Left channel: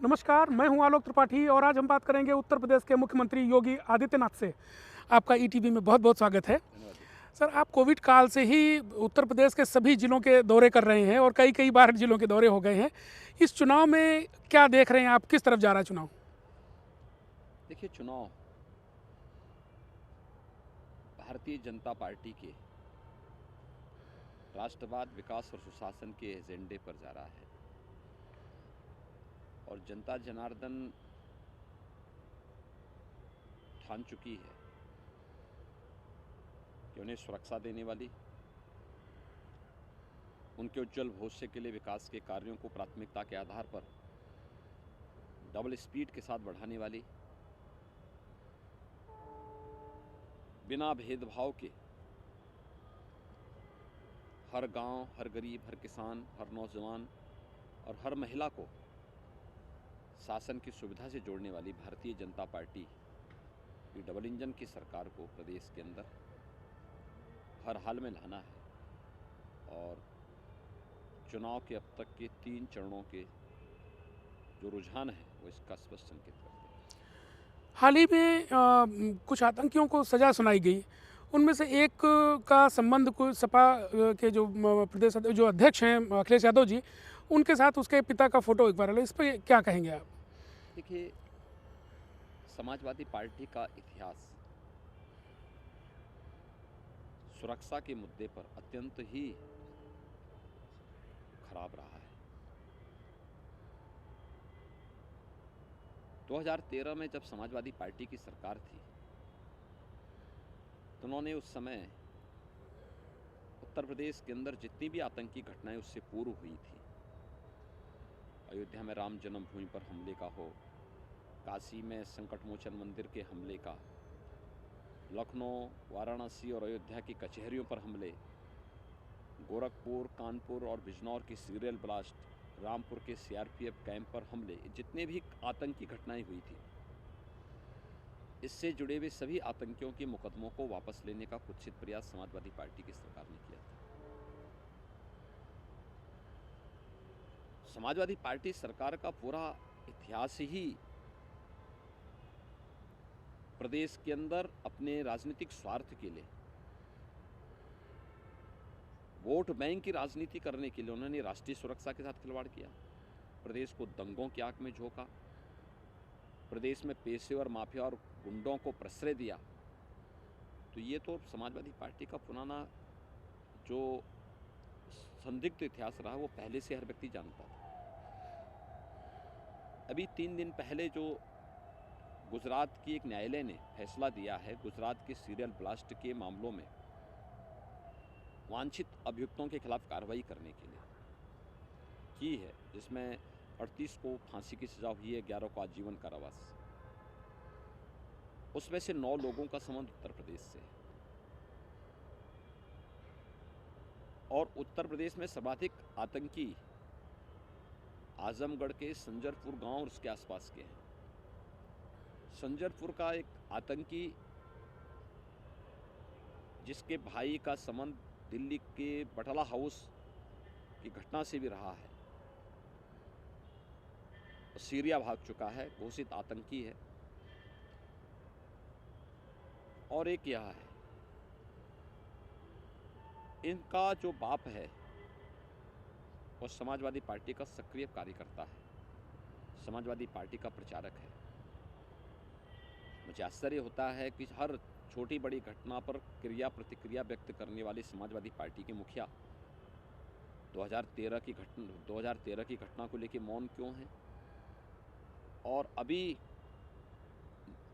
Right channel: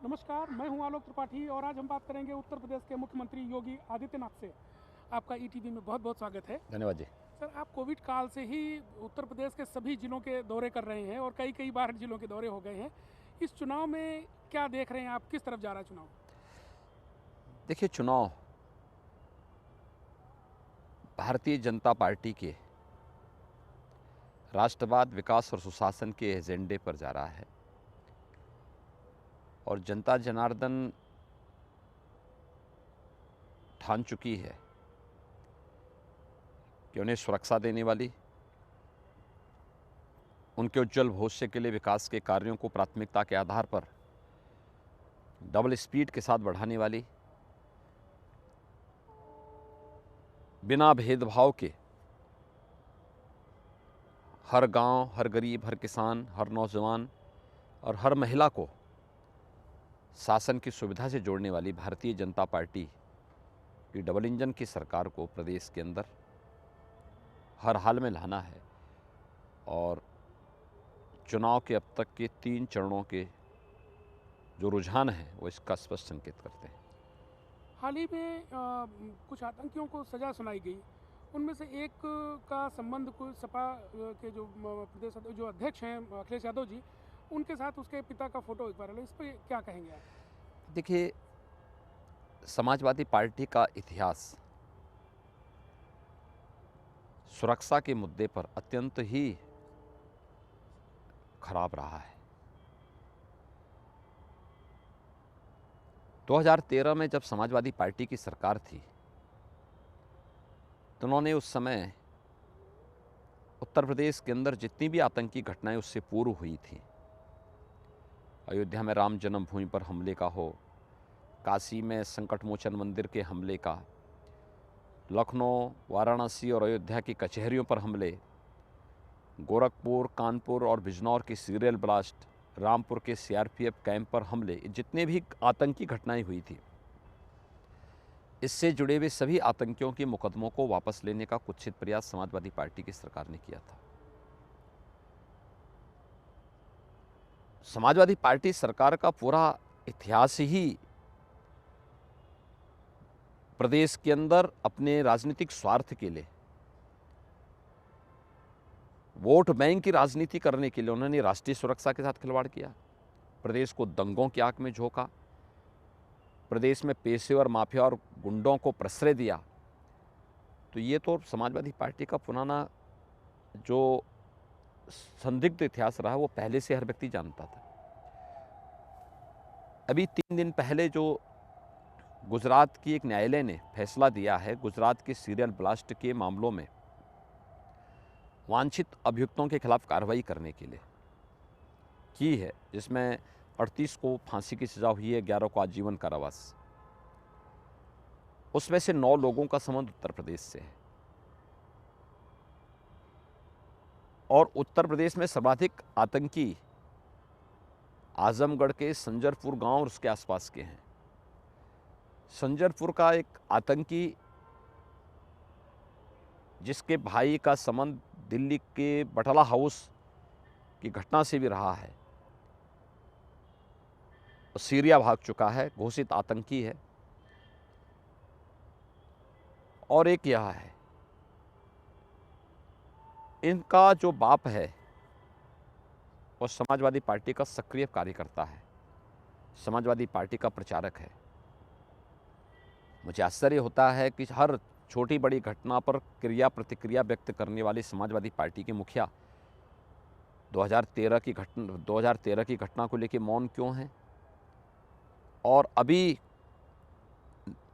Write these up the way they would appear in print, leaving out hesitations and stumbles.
नमस्कार, मैं हूं आलोक त्रिपाठी और आज हम बात करेंगे उत्तर प्रदेश के मुख्यमंत्री योगी आदित्यनाथ से। आपका ईटीवी में बहुत बहुत स्वागत है। धन्यवाद जी। सर, आप कोविड काल से ही उत्तर प्रदेश के सभी जिलों के दौरे कर रहे हैं और कई कई बार जिलों के दौरे हो गए हैं। इस चुनाव में क्या देख रहे हैं आप, किस तरफ जा रहा है चुनाव? देखिए, चुनाव भारतीय जनता पार्टी के राष्ट्रवाद, विकास और सुशासन के एजेंडे पर जा रहा है और जनता जनार्दन ठान चुकी है कि उन्हें सुरक्षा देने वाली, उनके उज्जवल भविष्य के लिए विकास के कार्यों को प्राथमिकता के आधार पर डबल स्पीड के साथ बढ़ाने वाली, बिना भेदभाव के हर गांव, हर गरीब, हर किसान, हर नौजवान और हर महिला को शासन की सुविधा से जोड़ने वाली भारतीय जनता पार्टी की डबल इंजन की सरकार को प्रदेश के अंदर हर हाल में लाना है और चुनाव के अब तक के 3 चरणों के जो रुझान हैं वो इसका स्पष्ट संकेत करते हैं। हाल ही में कुछ आतंकियों को सजा सुनाई गई। उनमें से एक का संबंध कुछ सपा के जो जो अध्यक्ष हैं अखिलेश यादव जी, उनके साथ उसके पिता का फोटो एक बार इस पर क्या कहेंगे आप? देखिए, समाजवादी पार्टी का इतिहास सुरक्षा के मुद्दे पर अत्यंत ही खराब रहा है। 2013 में जब समाजवादी पार्टी की सरकार थी तो उन्होंने उस समय उत्तर प्रदेश के अंदर जितनी भी आतंकी घटनाएं उससे पूर्व हुई थी, अयोध्या में राम जन्मभूमि पर हमले का हो, काशी में संकटमोचन मंदिर के हमले का, लखनऊ, वाराणसी और अयोध्या की कचहरियों पर हमले, गोरखपुर, कानपुर और बिजनौर की सीरियल ब्लास्ट, रामपुर के सीआरपीएफ कैंप पर हमले, जितने भी आतंकी घटनाएं हुई थी, इससे जुड़े हुए सभी आतंकियों के मुकदमों को वापस लेने का कुत्सित प्रयास समाजवादी पार्टी की सरकार ने किया था। समाजवादी पार्टी सरकार का पूरा इतिहास ही प्रदेश के अंदर अपने राजनीतिक स्वार्थ के लिए, वोट बैंक की राजनीति करने के लिए उन्होंने राष्ट्रीय सुरक्षा के साथ खिलवाड़ किया, प्रदेश को दंगों की आंख में झोंका, प्रदेश में पेशेवर माफिया और गुंडों को प्रश्रय दिया। तो ये तो समाजवादी पार्टी का पुराना जो संदिग्ध इतिहास रहा वो पहले से हर व्यक्ति जानता था। अभी 3 दिन पहले जो गुजरात की एक न्यायालय ने फैसला दिया है गुजरात के सीरियल ब्लास्ट के मामलों में वांछित अभियुक्तों के खिलाफ कार्रवाई करने के लिए की है, जिसमें 38 को फांसी की सजा हुई है, 11 को आजीवन कारावास। उसमें से 9 लोगों का संबंध उत्तर प्रदेश से है और उत्तर प्रदेश में सर्वाधिक आतंकी आजमगढ़ के संजरपुर गांव और उसके आसपास के हैं। संजरपुर का एक आतंकी जिसके भाई का संबंध दिल्ली के बटाला हाउस की घटना से भी रहा है, सीरिया भाग चुका है, घोषित आतंकी है। और एक यह है, इनका जो बाप है वो समाजवादी पार्टी का सक्रिय कार्यकर्ता है, समाजवादी पार्टी का प्रचारक है। मुझे आश्चर्य होता है कि हर छोटी बड़ी घटना पर क्रिया प्रतिक्रिया व्यक्त करने वाली समाजवादी पार्टी के मुखिया 2013 की घटना को लेकर मौन क्यों हैं और अभी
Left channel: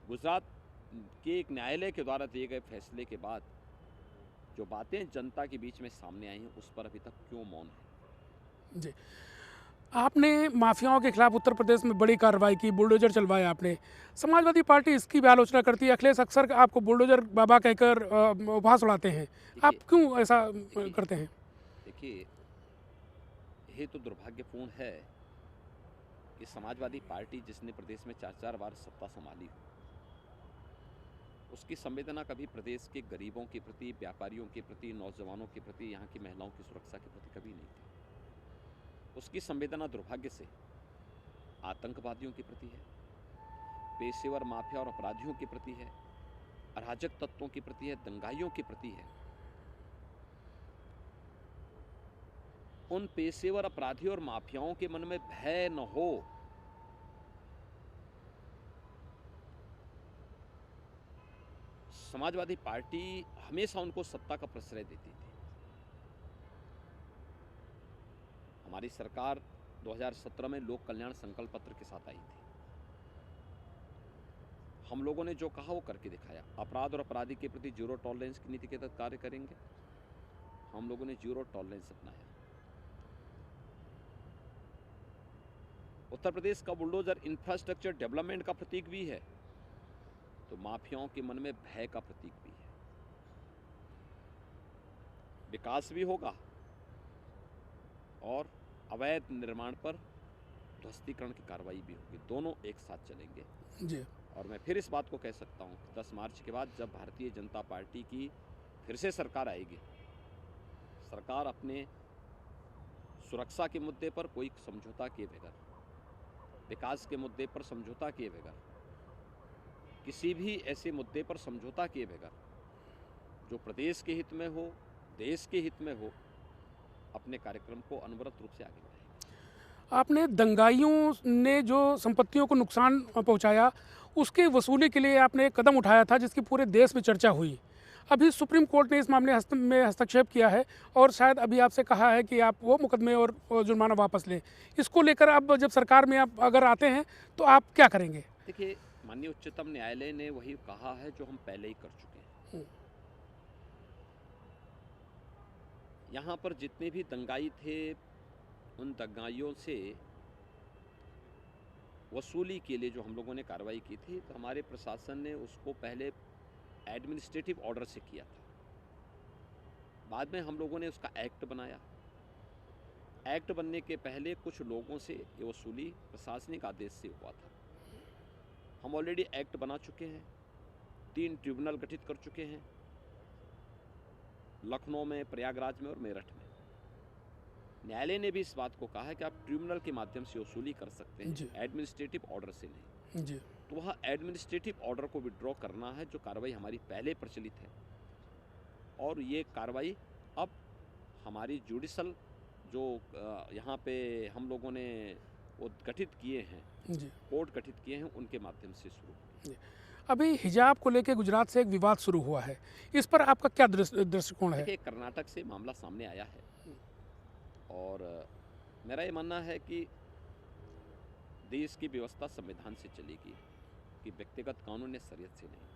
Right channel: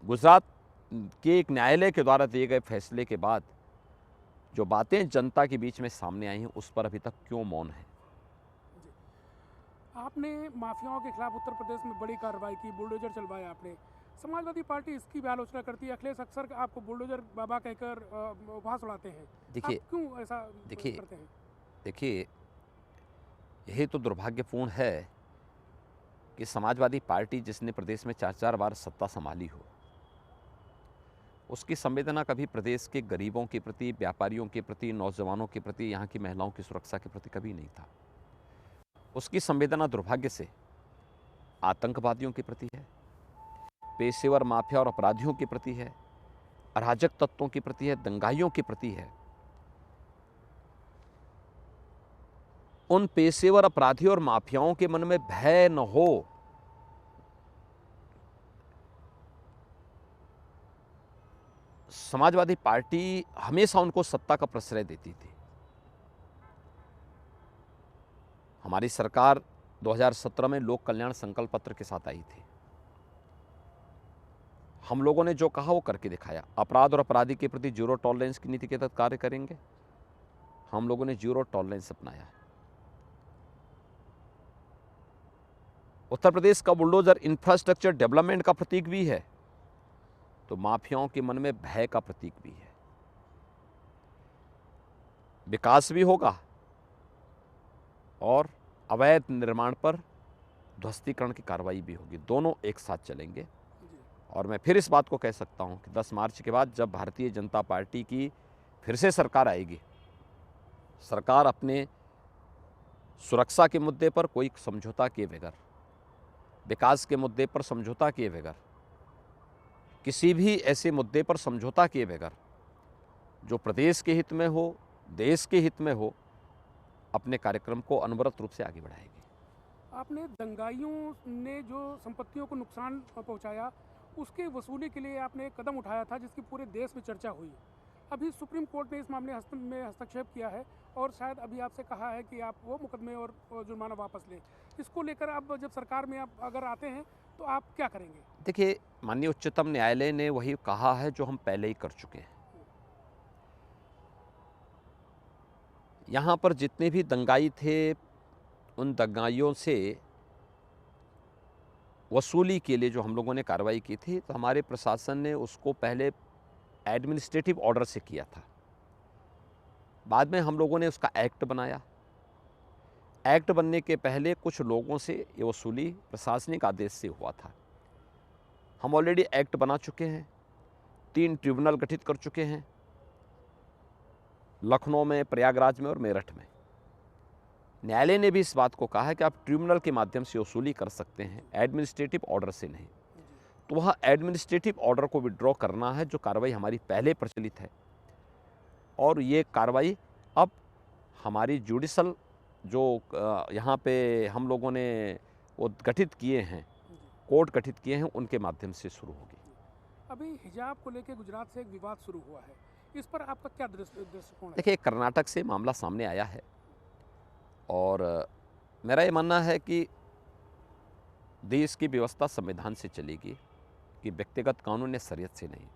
गुजरात के एक न्यायालय के द्वारा दिए गए फैसले के बाद जो बातें जनता के बीच में सामने आई हैं उस पर अभी तक क्यों मौन है। जी, आपने माफियाओं के खिलाफ उत्तर प्रदेश में बड़ी कार्रवाई की, बुलडोजर चलवाया आपने। समाजवादी पार्टी इसकी भी आलोचना करती है। अखिलेश अक्सर आपको बुलडोजर बाबा कहकर उपहास उड़ाते हैं। आप देखिए क्यों ऐसा देखिए करते हैं? देखिए यही तो दुर्भाग्यपूर्ण है कि समाजवादी पार्टी जिसने प्रदेश में 4-4 बार सत्ता संभाली हो, उसकी संवेदना कभी प्रदेश के गरीबों के प्रति, व्यापारियों के प्रति, नौजवानों के प्रति, यहाँ की महिलाओं की सुरक्षा के प्रति कभी नहीं था। उसकी संवेदना दुर्भाग्य से आतंकवादियों के प्रति है, पेशेवर माफिया और अपराधियों के प्रति है, अराजक तत्वों के प्रति है, दंगाइयों के प्रति है। उन पेशेवर अपराधियों और माफियाओं के मन में भय न हो, समाजवादी पार्टी हमेशा उनको सत्ता का प्रश्रय देती थी। हमारी सरकार 2017 में लोक कल्याण संकल्प पत्र के साथ आई थी। हम लोगों ने जो कहा वो करके दिखाया। अपराध और अपराधी के प्रति जीरो टॉलरेंस की नीति के तहत कार्य करेंगे। हम लोगों ने जीरो टॉलरेंस अपनाया। उत्तर प्रदेश का बुलडोजर इंफ्रास्ट्रक्चर डेवलपमेंट का प्रतीक भी है, तो माफियाओं के मन में भय का प्रतीक भी है। विकास भी होगा और अवैध निर्माण पर ध्वस्तीकरण की कार्रवाई भी होगी। दोनों एक साथ चलेंगे जी। और मैं फिर इस बात को कह सकता हूं कि 10 मार्च के बाद जब भारतीय जनता पार्टी की फिर से सरकार आएगी, सरकार अपने सुरक्षा के मुद्दे पर कोई समझौता किए बगैर, विकास के मुद्दे पर समझौता किए बगैर, किसी भी ऐसे मुद्दे पर समझौता किए बगैर जो प्रदेश के हित में हो, देश के हित में हो, अपने कार्यक्रम को अनवरत रूप से आगे बढ़ाएगी। आपने दंगाइयों ने जो संपत्तियों को नुकसान पहुंचाया, उसके वसूली के लिए आपने एक कदम उठाया था जिसकी पूरे देश में चर्चा हुई। अभी सुप्रीम कोर्ट ने इस मामले में हस्तक्षेप किया है और शायद अभी आपसे कहा है कि आप वो मुकदमे और जुर्माना वापस लें। इसको लेकर अब जब सरकार में आप अगर आते हैं तो आप क्या करेंगे? देखिए, माननीय उच्चतम न्यायालय ने वही कहा है जो हम पहले ही कर चुके हैं। यहाँ पर जितने भी दंगाई थे, उन दंगाइयों से वसूली के लिए जो हम लोगों ने कार्रवाई की थी, तो हमारे प्रशासन ने उसको पहले एडमिनिस्ट्रेटिव ऑर्डर से किया था। बाद में हम लोगों ने उसका एक्ट बनाया। एक्ट बनने के पहले कुछ लोगों से ये वसूली प्रशासनिक आदेश से हुआ था। हम ऑलरेडी एक्ट बना चुके हैं, 3 ट्रिब्यूनल गठित कर चुके हैं, लखनऊ में, प्रयागराज में और मेरठ में। न्यायालय ने भी इस बात को कहा है कि आप ट्रिब्यूनल के माध्यम से वसूली कर सकते हैं, एडमिनिस्ट्रेटिव ऑर्डर से नहीं। जी। तो वहाँ एडमिनिस्ट्रेटिव ऑर्डर को विड्रॉ करना है, जो कार्रवाई हमारी पहले प्रचलित है, और ये कार्रवाई अब हमारी जुडिशल जो यहाँ पे हम लोगों ने वो गठित किए हैं, कोर्ट गठित किए हैं, उनके माध्यम से शुरू होगी। अभी हिजाब को लेकर गुजरात से एक विवाद शुरू हुआ है, इस पर आपका क्या दृष्टिकोण है? देखिए, कर्नाटक से मामला सामने आया है और मेरा ये मानना है कि देश की व्यवस्था संविधान से चलेगी, कि व्यक्तिगत कानून या शरीयत से नहीं।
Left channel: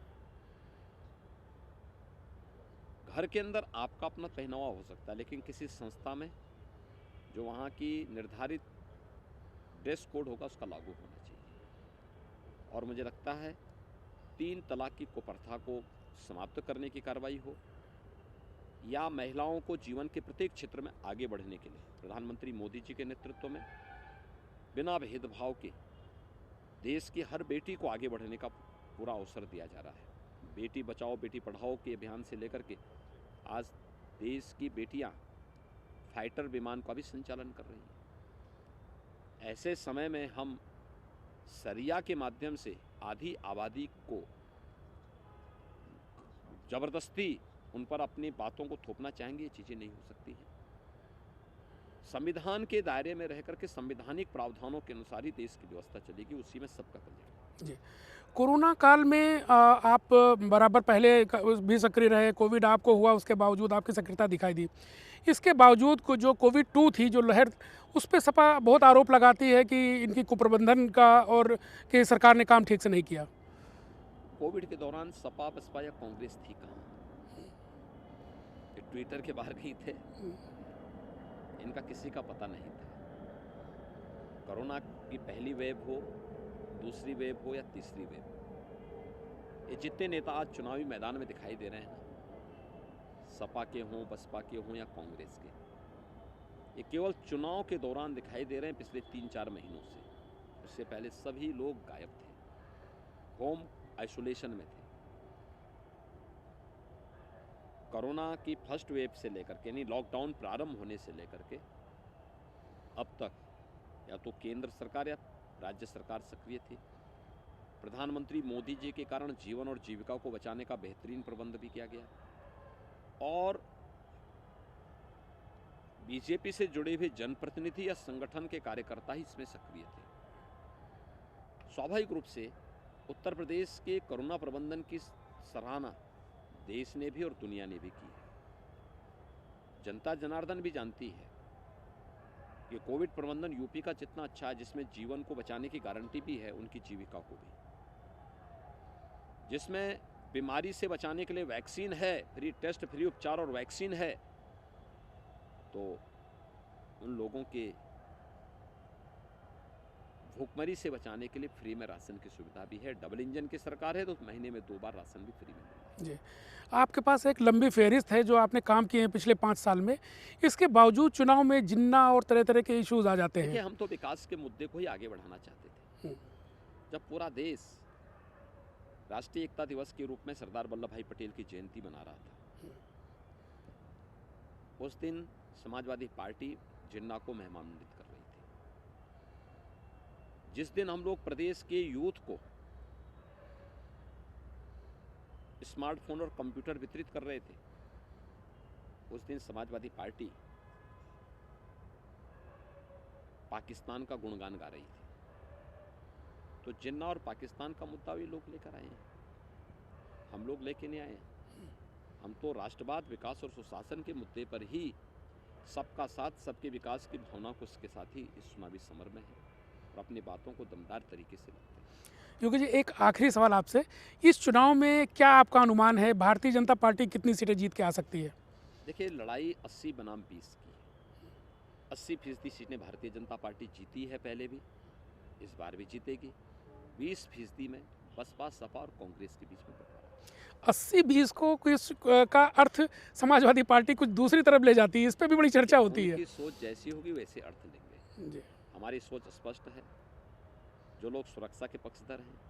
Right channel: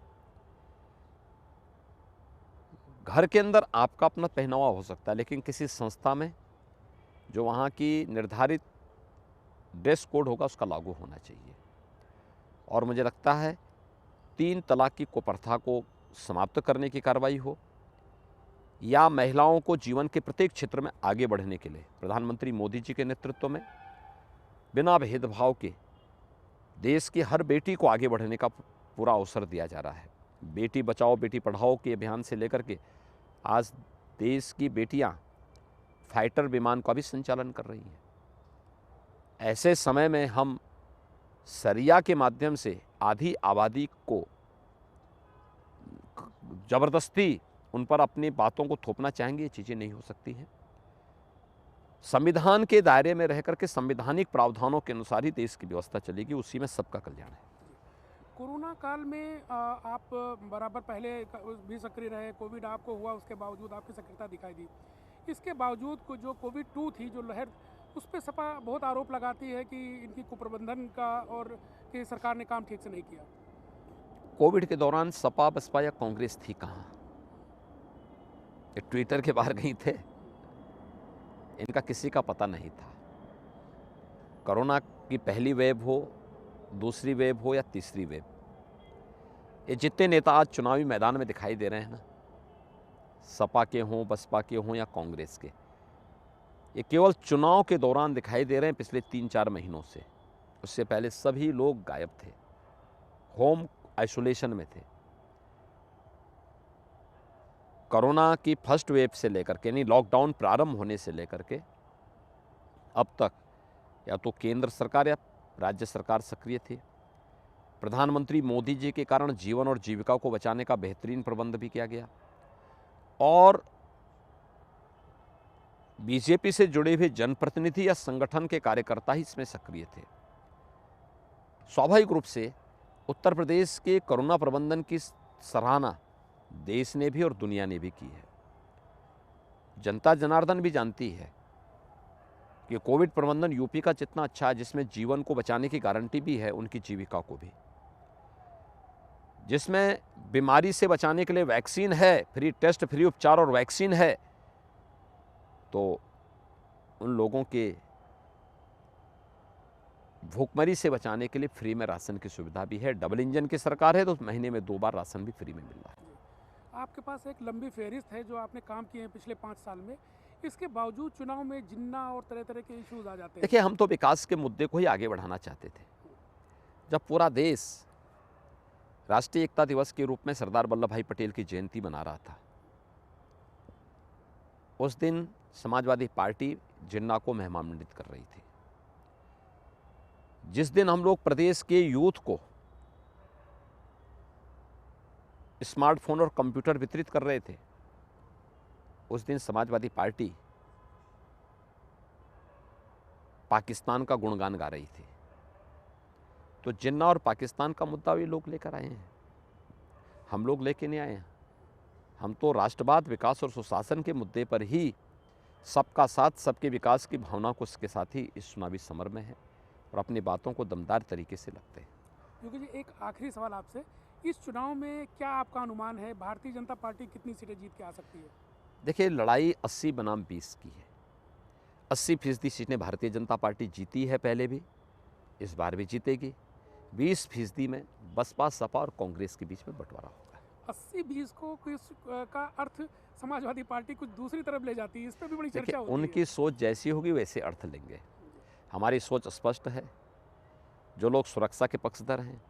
घर के अंदर आपका अपना पहनावा हो सकता है, लेकिन किसी संस्था में जो वहाँ की निर्धारित ड्रेस कोड होगा उसका लागू होना चाहिए। और मुझे लगता है 3 तलाक की कुप्रथा को समाप्त करने की कार्रवाई हो, या महिलाओं को जीवन के प्रत्येक क्षेत्र में आगे बढ़ने के लिए प्रधानमंत्री मोदी जी के नेतृत्व में बिना भेदभाव के देश की हर बेटी को आगे बढ़ने का पूरा अवसर दिया जा रहा है। बेटी बचाओ बेटी पढ़ाओ के अभियान से लेकर के आज देश की बेटियां फाइटर विमान का भी संचालन कर रही हैं। ऐसे समय में हम शरिया के माध्यम से आधी आबादी को जबरदस्ती उन पर अपनी बातों को थोपना चाहेंगे, ये चीज़ें नहीं हो सकती हैं। संविधान के दायरे में रहकर के संवैधानिक प्रावधानों के अनुसार ही देश की व्यवस्था चलेगी, उसी में सबका कल्याण है। जी। कोरोना काल में आप बराबर पहले भी सक्रिय रहे, कोविड आपको हुआ, उसके बावजूद आपकी सक्रियता दिखाई दी। इसके बावजूद को जो कोविड 2 थी, जो लहर, उस पर सपा बहुत आरोप लगाती है कि इनकी कुप्रबंधन का और कि सरकार ने काम ठीक से नहीं किया। कोविड के दौरान सपा बसपा या कांग्रेस थी कहाँ? ये ट्विटर के बाहर गई थे, इनका किसी का पता नहीं था। कोरोना की पहली वेव हो, दूसरी वेव हो या तीसरी वेव, ये जितने नेता आज चुनावी मैदान में दिखाई दे रहे हैं ना, सपा के हों, बसपा के हों या कांग्रेस के, ये केवल चुनाव के दौरान दिखाई दे रहे हैं पिछले 3-4 महीनों से। उससे पहले सभी लोग गायब थे, होम आइसोलेशन में थे। कोरोना की फर्स्ट वेव से लेकर के, यानी लॉकडाउन प्रारंभ होने से लेकर के अब तक, या तो केंद्र सरकार या राज्य सरकार सक्रिय थी। प्रधानमंत्री मोदी जी के कारण जीवन और जीविका को बचाने का बेहतरीन प्रबंध भी किया गया और बीजेपी से जुड़े हुए जनप्रतिनिधि या संगठन के कार्यकर्ता ही इसमें सक्रिय थे। स्वाभाविक रूप से उत्तर प्रदेश के कोरोना प्रबंधन की सराहना देश ने भी और दुनिया ने भी की है। जनता जनार्दन भी जानती है कि कोविड प्रबंधन यूपी का जितना अच्छा है, जिसमें जीवन को बचाने की गारंटी भी है, उनकी जीविका को भी, जिसमें बीमारी से बचाने के लिए वैक्सीन है, फ्री टेस्ट, फ्री उपचार और वैक्सीन है, तो उन लोगों के भूखमरी से बचाने के लिए फ्री में राशन की सुविधा भी है। डबल इंजन की सरकार है तो महीने में 2 बार राशन भी फ्री में मिल रहा है। जी, आपके पास एक लंबी फहरिस्त है जो आपने काम किए हैं पिछले 5 साल में। इसके बावजूद चुनाव में जिन्ना और तरह तरह के इश्यूज आ जाते हैं। देखिए, हम तो विकास के मुद्दे को ही आगे बढ़ाना चाहते थे। जब पूरा देश राष्ट्रीय एकता दिवस के रूप में सरदार वल्लभ भाई पटेल की जयंती मना रहा था, उस दिन समाजवादी पार्टी जिन्ना को मेहमानमंडित कर रही थी। जिस दिन हम लोग प्रदेश के यूथ को स्मार्टफोन और कंप्यूटर वितरित कर रहे थे, उस दिन समाजवादी पार्टी पाकिस्तान का गुणगान गा रही थी। तो जिन्ना और पाकिस्तान का मुद्दा भी लोग लेकर आए हैं, हम लोग लेके नहीं आए हैं। हम तो राष्ट्रवाद, विकास और सुशासन के मुद्दे पर ही सबका साथ, सबके विकास की भावना को उसके साथ ही इस चुनावी समर में है और अपनी बातों को दमदार तरीके से लगते हैं। योगी जी, एक आखिरी सवाल आपसे, इस चुनाव में क्या आपका अनुमान है, भारतीय जनता पार्टी कितनी सीटें जीत के आ सकती है? देखिए, लड़ाई 80 बनाम 20 की है। 80% सीटें भारतीय जनता पार्टी जीती है पहले भी, इस बार भी जीतेगी। 20% में बसपा, सपा और कांग्रेस के बीच में बंटवारा होगा। 80-20 को किस का अर्थ समाजवादी पार्टी कुछ दूसरी तरफ ले जाती है, इस पर भी बड़ी चर्चा होती है। उनकी सोच जैसी होगी वैसे अर्थ लेंगे। जी। हमारी सोच स्पष्ट है। जो लोग सुरक्षा के पक्षधर हैं,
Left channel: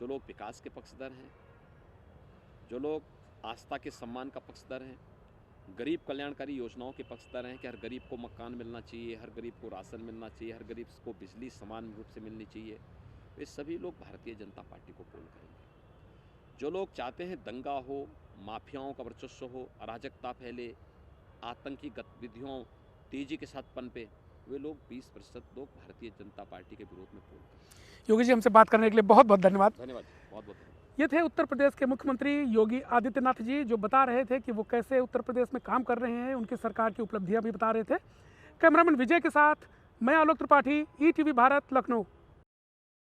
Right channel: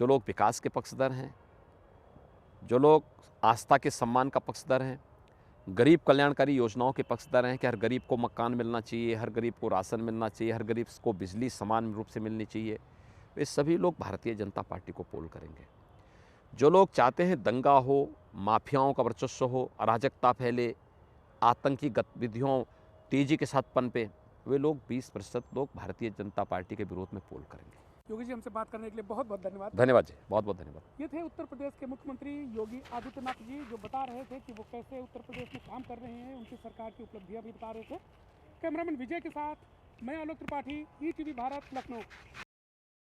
जो लोग विकास के पक्षधर हैं, जो लोग आस्था के सम्मान का पक्षधर हैं, गरीब कल्याणकारी योजनाओं के पक्षधर हैं कि हर गरीब को मकान मिलना चाहिए, हर गरीब को राशन मिलना चाहिए, हर गरीब को बिजली समान रूप से मिलनी चाहिए, वे सभी लोग भारतीय जनता पार्टी को पोल करेंगे। जो लोग चाहते हैं दंगा हो, माफियाओं का वर्चस्व हो, अराजकता फैले, आतंकी गतिविधियों तेजी के साथ पनपे, वे लोग 20% लोग भारतीय जनता पार्टी के विरोध में पोल करेंगे। योगी जी, हमसे बात करने के लिए बहुत बहुत धन्यवाद। धन्यवाद जी, बहुत बहुत धन्यवाद। ये थे उत्तर प्रदेश के मुख्यमंत्री योगी आदित्यनाथ जी, जो बता रहे थे कि वो कैसे उत्तर प्रदेश में काम कर रहे हैं, उनकी सरकार की उपलब्धियां भी बता रहे थे। कैमरामैन विजय के साथ मैं आलोक त्रिपाठी, ETV भारत, लखनऊ।